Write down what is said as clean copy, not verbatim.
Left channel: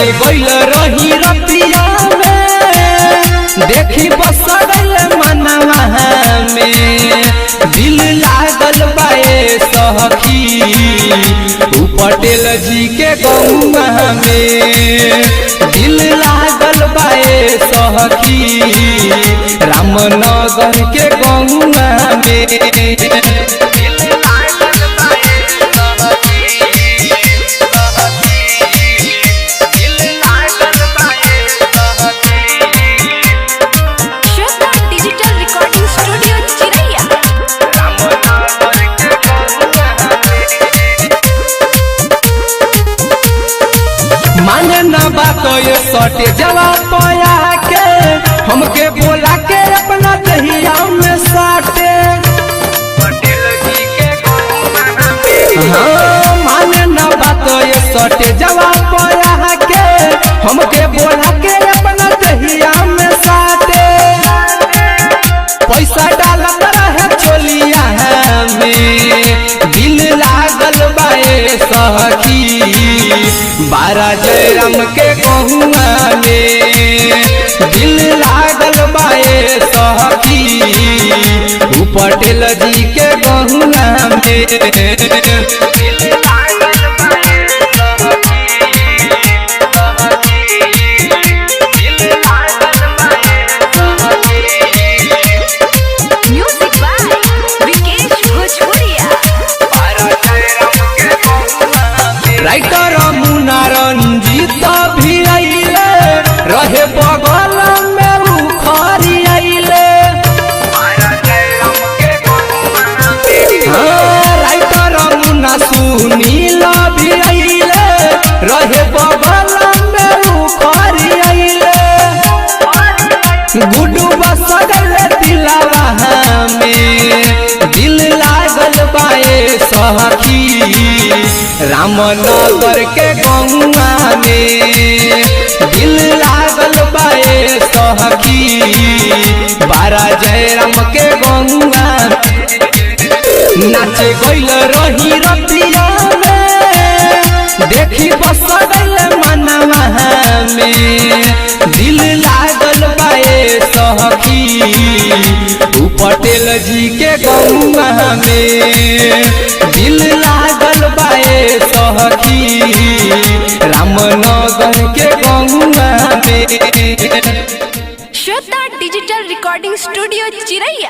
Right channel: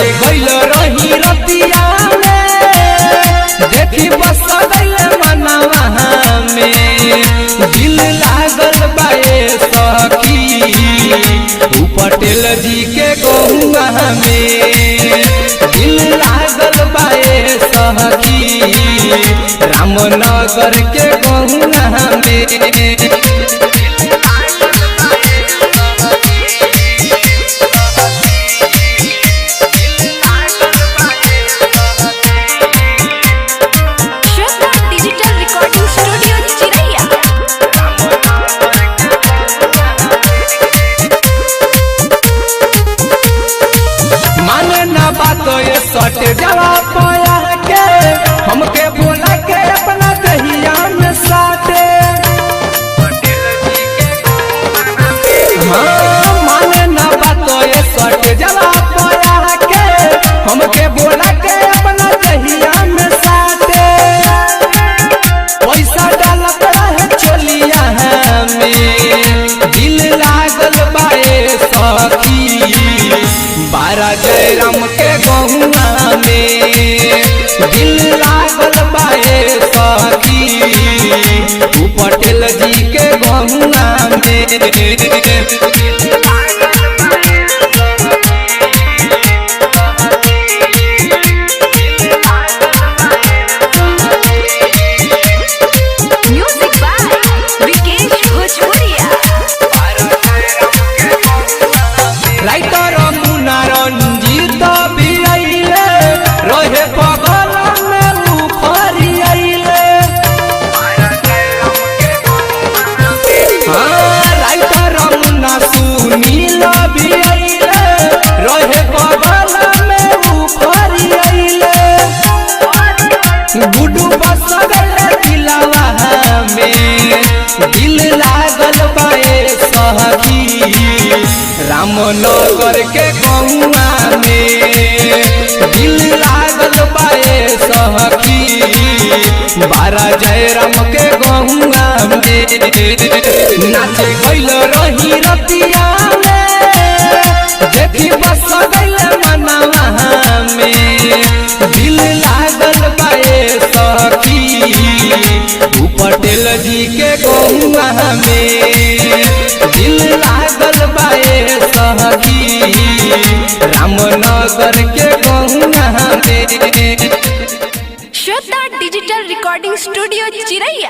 नाचे गइल रही रतिया में देखी बस गइल मनवा में दिल लागल बाए सखी पटेल जी के गौवा में दिल लागल बाए सखी रामनगर के गौवा में सटे जवा पया के हमके बोला के अपना दहिया में साटे पटेल जी के गौवा में माने ना बात ये सटे जवा पया के हमके बोला के अपना दहिया में साटे पैसा डाला रहे छोलिया हमें दिल लागल बाए सखी 12 जयराम के गौवा पटेल जी के गौवा म्यूजिक बाय विकेश भोजपुरिया राइटर मुन्ना रंजीत भी आइले रहे बगल में बुखारी आइले राइटर मुन्ना सुनील भी आइले रहे बगल में बुखारी आइले गुड्डू बस गइल दिलवा में दिल लागल बाए सखी रामनगर के गौवा में दिल लागल बाए सखी 12 जयराम के गौवा में नाचे गइल रही रतिया में देखी बस गइल मनवा में दिल लागल बाए सखी पटेल जी के गौवा में दिल लागल बाए सखी रामनगर के गौवा में श्वेता डिजिटल रिकॉर्डिंग स्टूडियो चिरैया।